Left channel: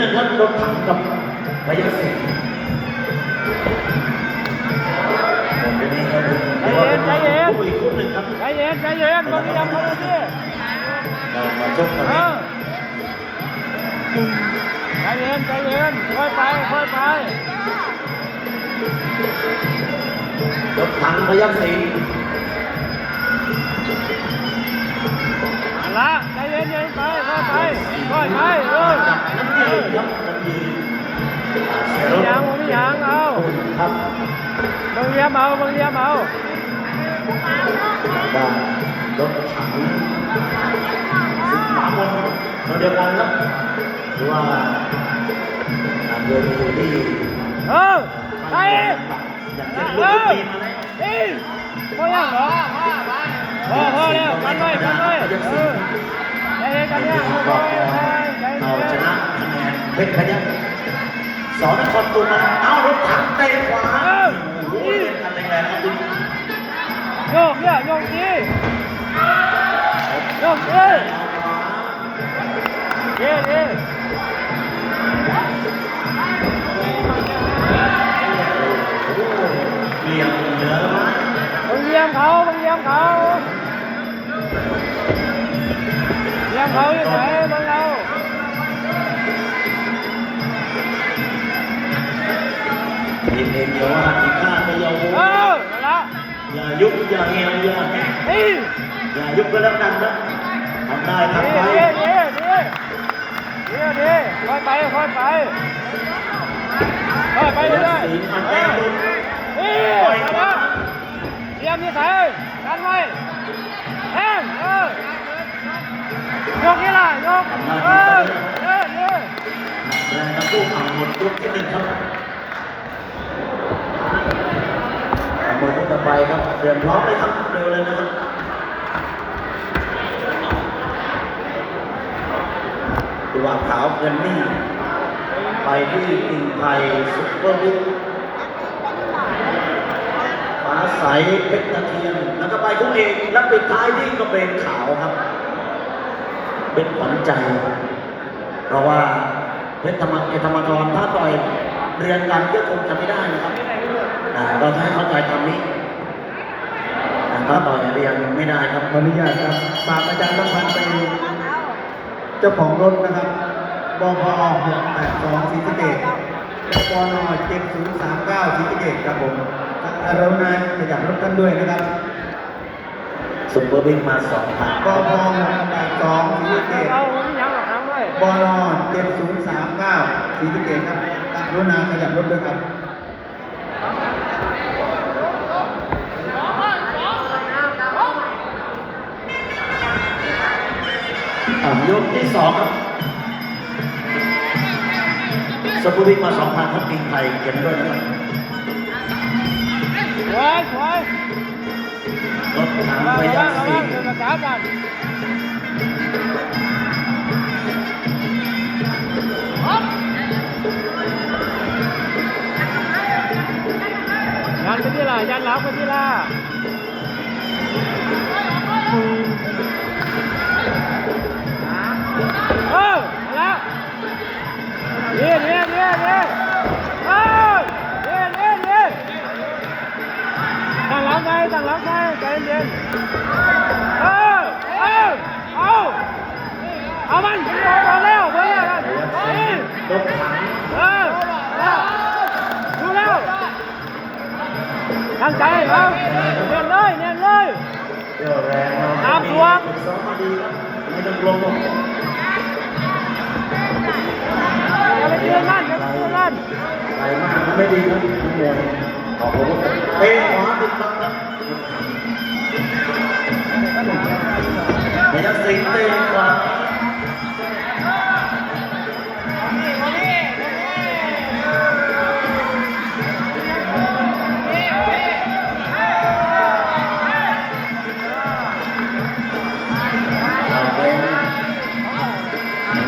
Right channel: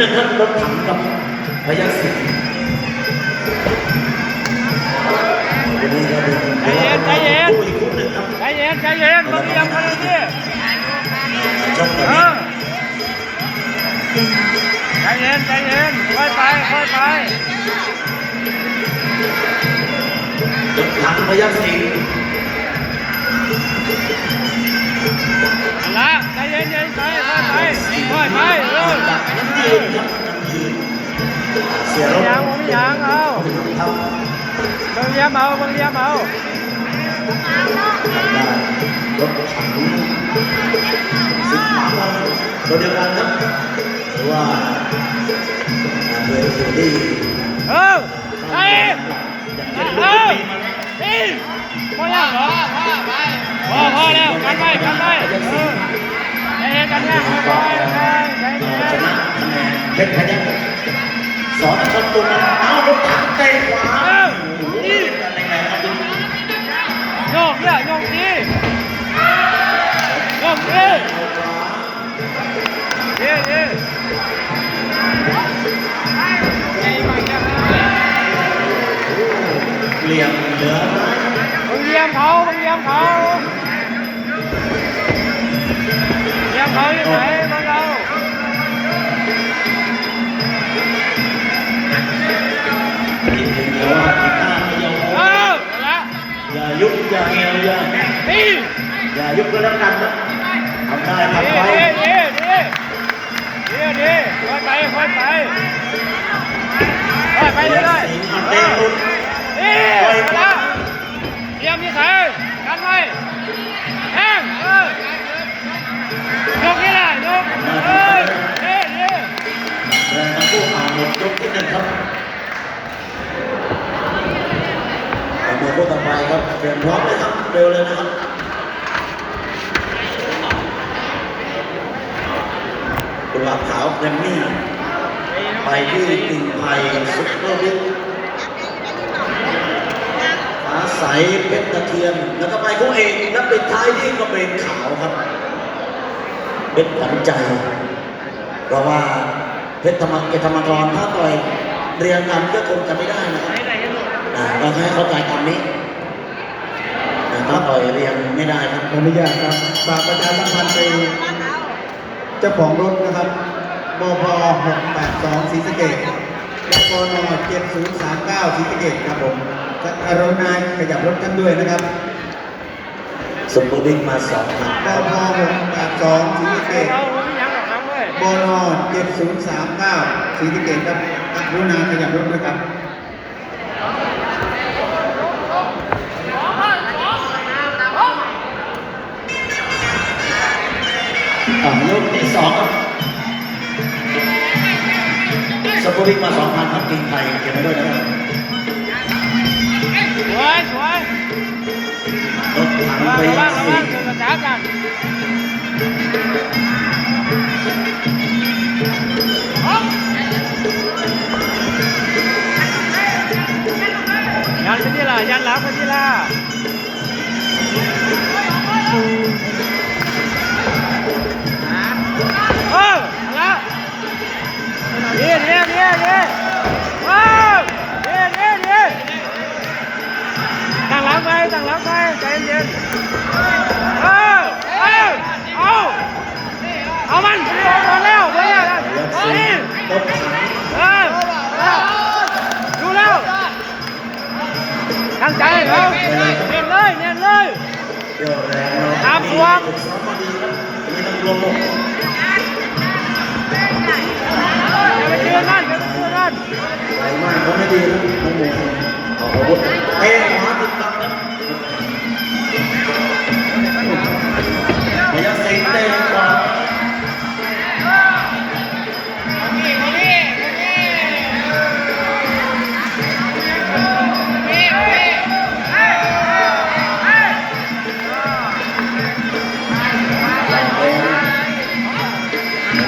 นึงครับรถถังกับพยัคฆ์สิงห์วันนี้ก็เป็นใจเย็นใจเย็นคู่อกคู่หนึ่งครับใจเย็นใจเย็นบางเรียมมาเลยพี่ในชกเอวันใจเย็นใจเย็นค่อยไปค่อยไปรถถังพยัคฆ์สิงห์เอาละใจเย็นใจเย็นไปค่อยไปค่อยไป เออยืนครับยืนเสียรถยังผมยังเอาครับางเรียมเอาบางเรียมเอาด้านรถถังสิบหมาวันตัวเดียวกันครับว่าเรือเฟอร์รี่เออใจเย็นอยากเอจะรู้อปีมามนี่พอแล้วเหรอพอพอแล้วกันไว้กันไว้ นะคะแนนเพชรพยัคฆ์สอนคนตุนมาเอารถถังเตะขวาโอ้โหเป็นกันแรงๆครับดูโยกเนี่ยโยกดีโยกดีเย้เย้เหลี่ยมเหลือเยี่ยมเขาเยี่ยมเขา ยุบอย่าเหี่ยวอย่าแห้งอย่ายุบก็แล้วกันนะทำได้ทำไปดีดีดีดีดีค่อยไปค่อยไปค่อยไปเรื่อยสิงห์เตะลุนนี่มาแล้วเยี่ยมที่ไหนกันไว้แห้งเออยกนี่ล่ะยกเออเย้เย้แรงทั้งคู่เอาหมดยกที่หนึ่งครับ รียมพร้อมเลยครับ เร็วเลยนะครับกุหลาบขาวแกรมมี่ไปที่กิ่งไผ่ซุปเปอร์วิทฟ้าใสเพชรตะเทียนแล้วก็ไปคู่เอกนักปิดท้ายที่ก็เป็นขาวครับ เป็นขวัญใจ เพราะว่าเพชรธรรมเกธรรมกรถ้าต่อยเรียงกันก็คงจะไม่ได้นะครับอ่เราให้เข้าใจคำนี้ ถ้าต่อยเรียงไม่ได้ครับขออนุญาตครับฝากประชาสัมพันธ์ไปเจ้าของรถนะครับบพ682ศรีสะเกษกน7039ศรีสะเกษครับผมอารมณ์นายขยับรถกันด้วยนะครับสุปเปอร์บิ๊กมาสองครับบพ682ศรีสะเกษเราผมยังกับทางเลยบน7039ศรีสะเกษครับอารมณ์นายขยับรถด้วยครับ อ่ายกที่สองครับสุปเปอร์บิ๊กมาสองพันครับกินไทยเก็บไว้ด้วยนะครับสวยสวยรถถังระพวัยังคฆ์ระสิวังงห์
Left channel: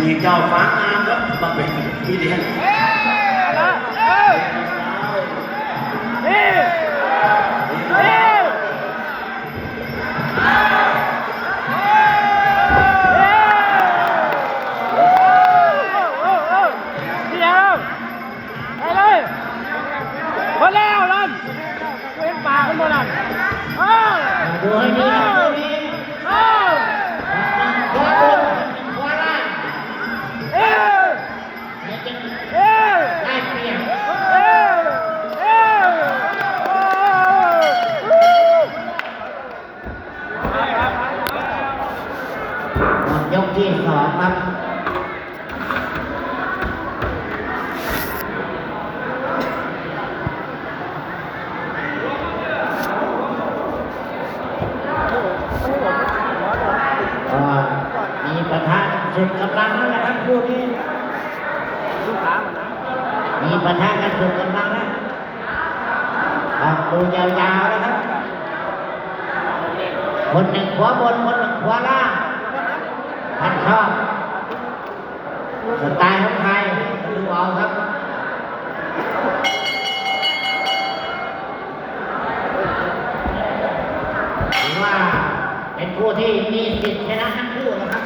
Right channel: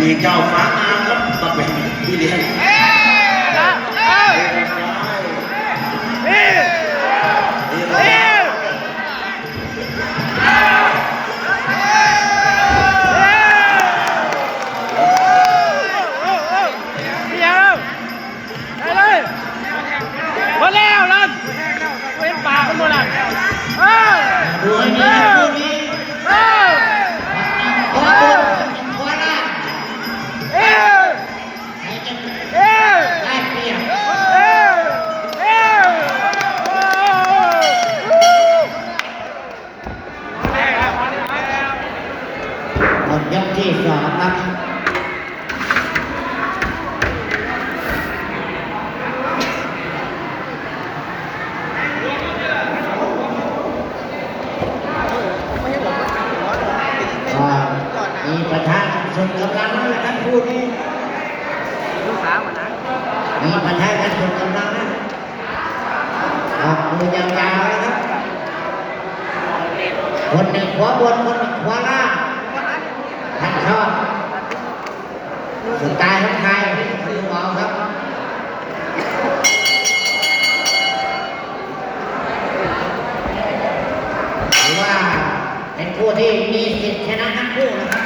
มีเจ้าฟ้างามครับมาเป็นพี่เลี้ยง ชนกันลังนะครับผู้นี้ลูกสาวนะมีปัญหาการชนกันลังนะออกตัวยาวๆนะครับ คนหนึ่งขวาบน คนหนึ่งขวาล่างท่านชอบสไตล์ของไทยคือเบาครับถือว่าเป็นผู้ที่มีสิทธิ์ชนะทั้งคู่นะครับ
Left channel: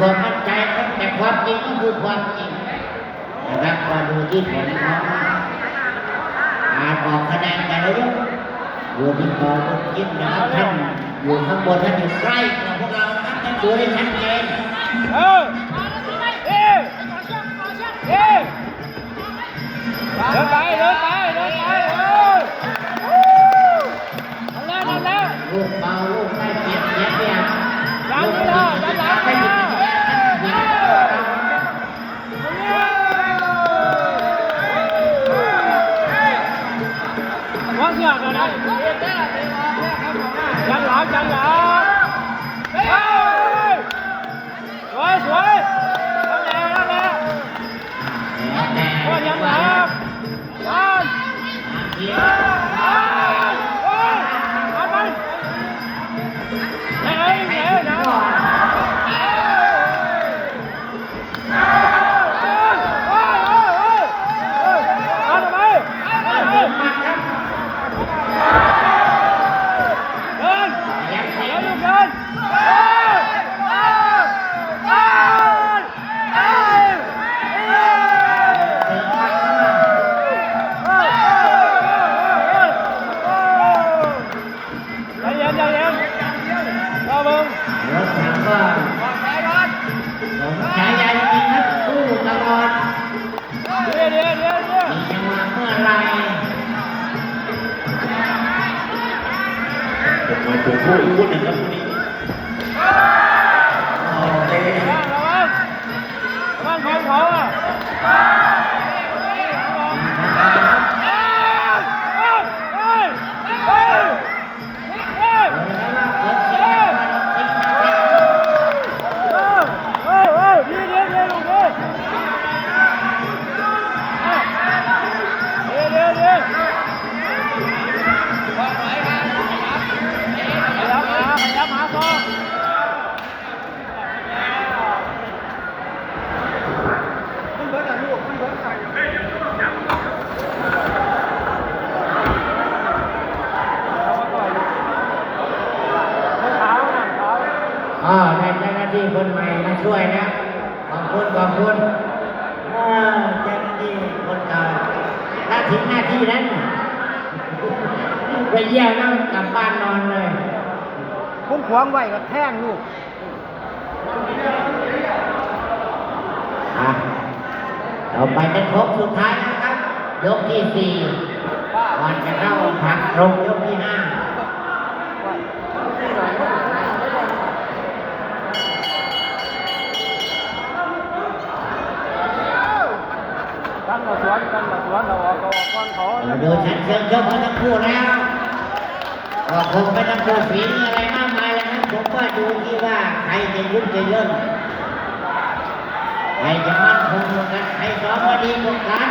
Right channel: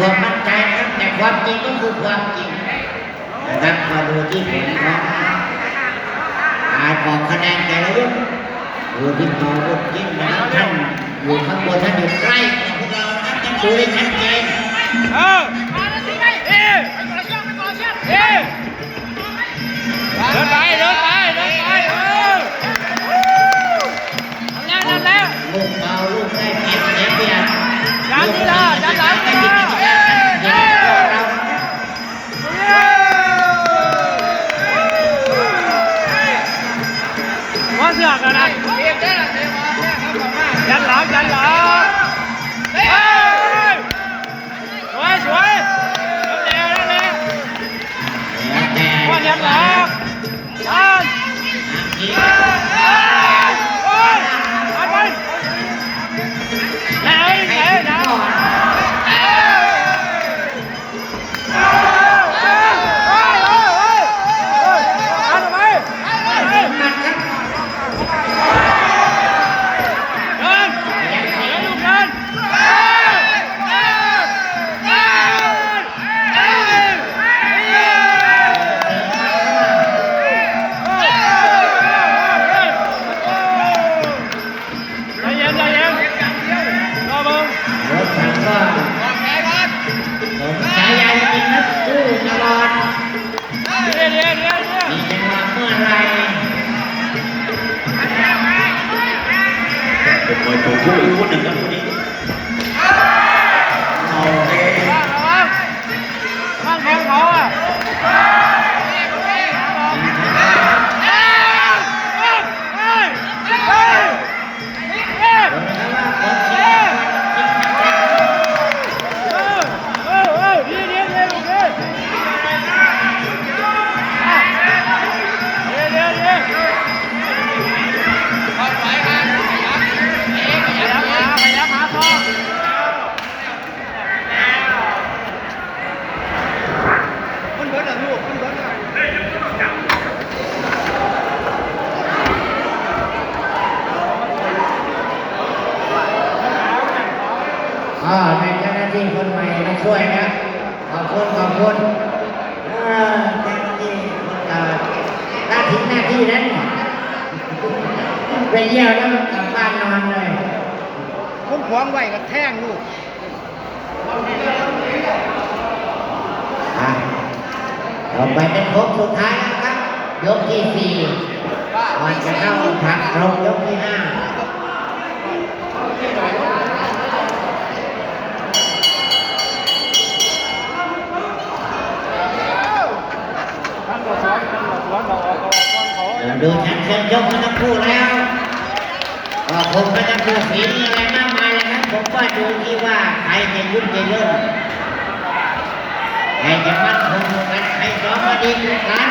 ความมั่นใจนะครับแต่ความจริงก็คือความจริงนะครับมาดูที่ผลของการออกคะแนนแต่ละยกดูที่เป่าลูกยิ้มนะครับท่านอยู่ข้างบนท่านอยู่ใกล้กับพวกเรานะท่านดูได้ชัดเจนเออเอ๊ะเอ๊ะเดินไปเดินไปเดินไปเออนั่นแล้วนั่นแล้วลูกเบาลูกได้เปรียบเสียเปรียบดันลูกนี่ที่เลยกิจดั ตั ไปเยี่ยมแล้วกลับบ้านนอนเลยคุณขวางไว้กับแท่งลูกอะต่อไปเป็นครบสุดท้ายนะครับ ยกที่สี่ก่อนจะเข้าผัดลงยกที่ห้าทำตัวสวนทำตัวสวนเราออกตัวก้อนเขาเราดูชัดเจนยกมาทั้งคู่แล้ว ก็คงไม่ต้องดูฝีมืออะไรมากมายแล้วนะผมก็ดูที่ว่าใครจะยุ่งจะย่นใครจะมั่นคงกันใครซ้อมมาดีกว่ากัน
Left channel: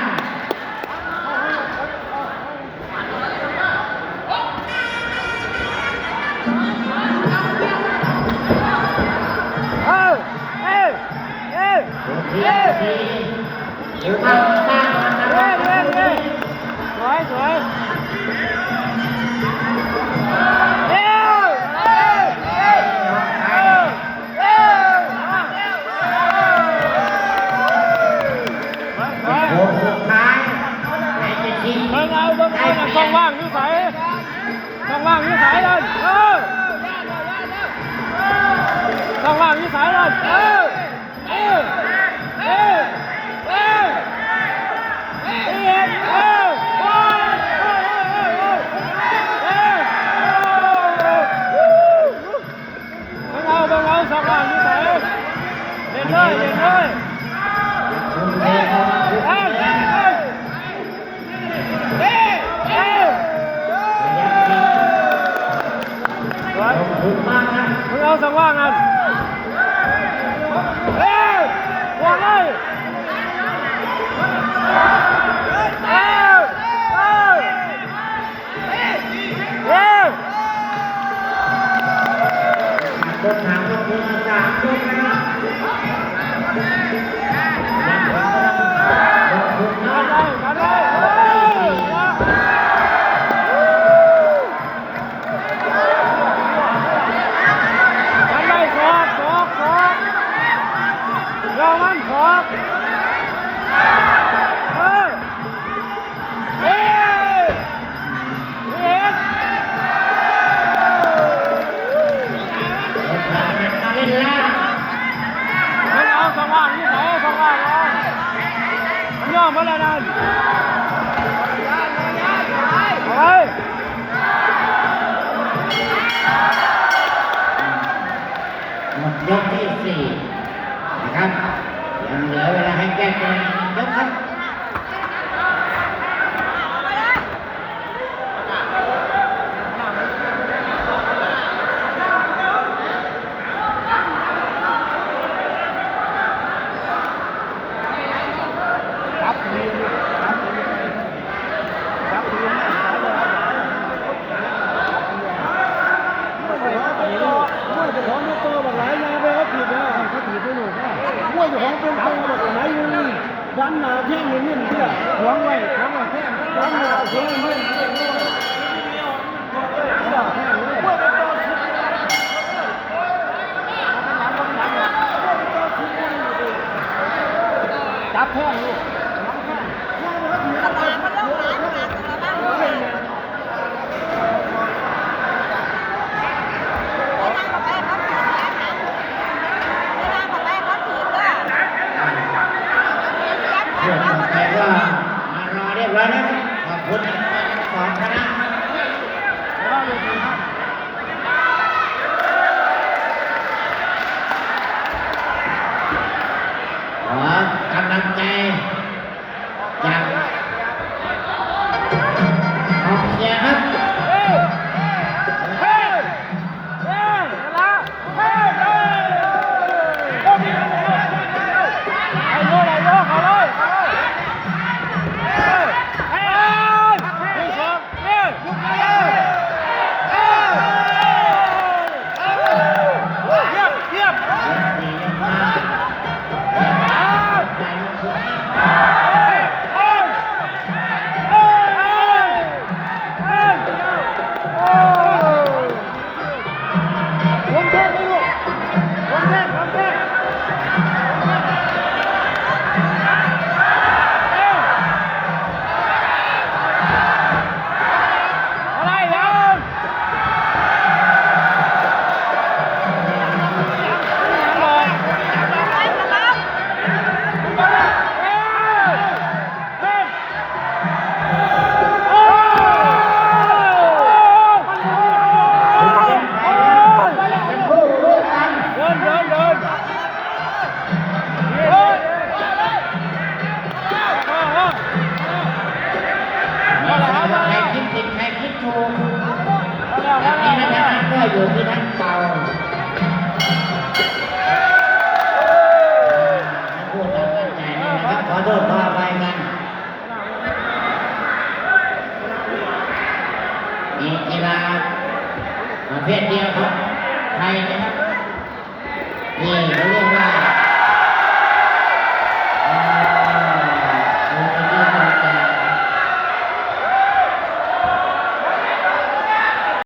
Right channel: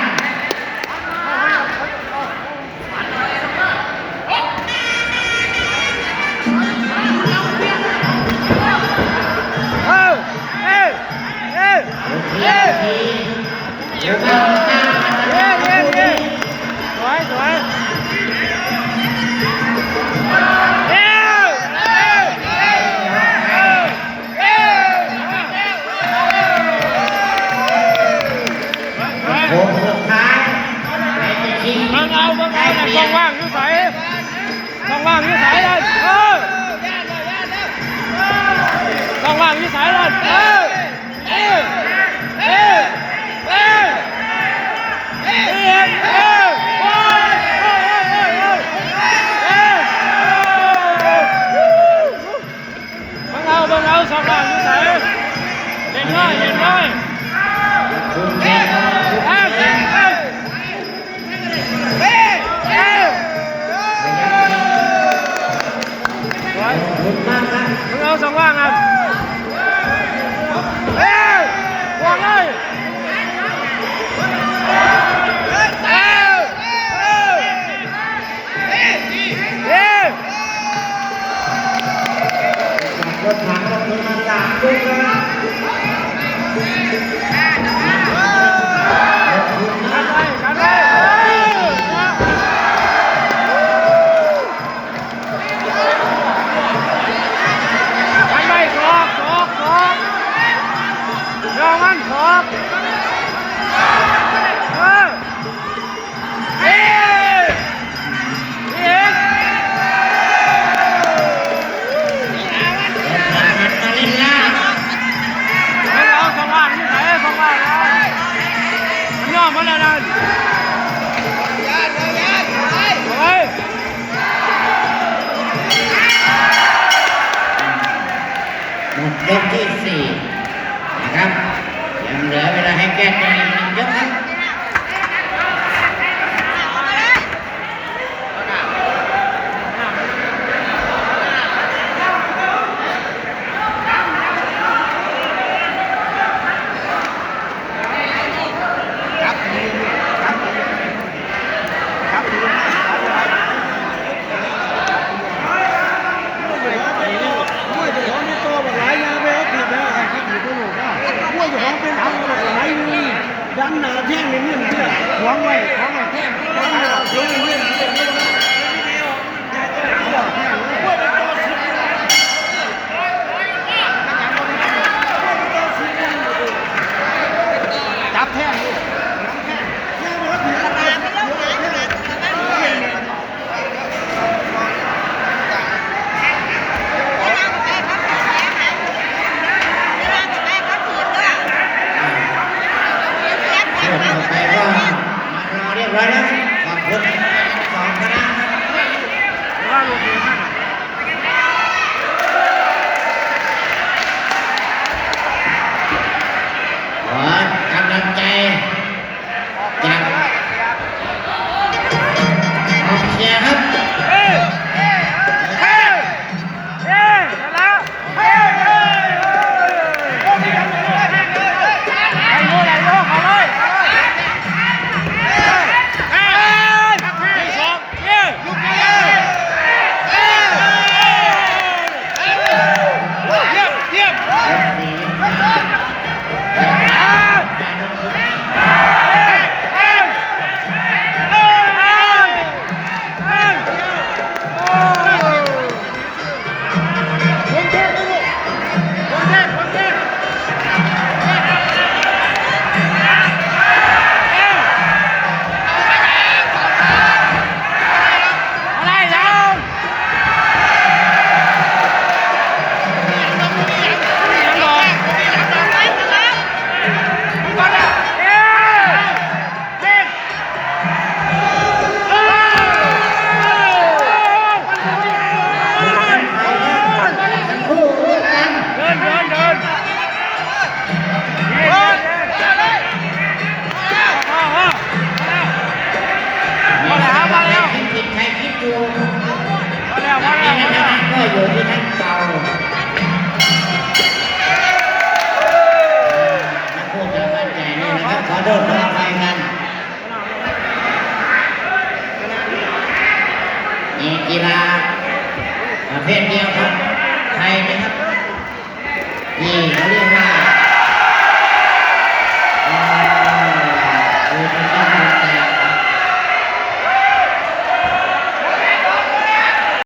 rồi đứng áo sống hoang anh ê hoàng ơi Hãy subscribe cho kênh Ghiền Mì Gõ Để không bỏ lỡ những video hấp dẫn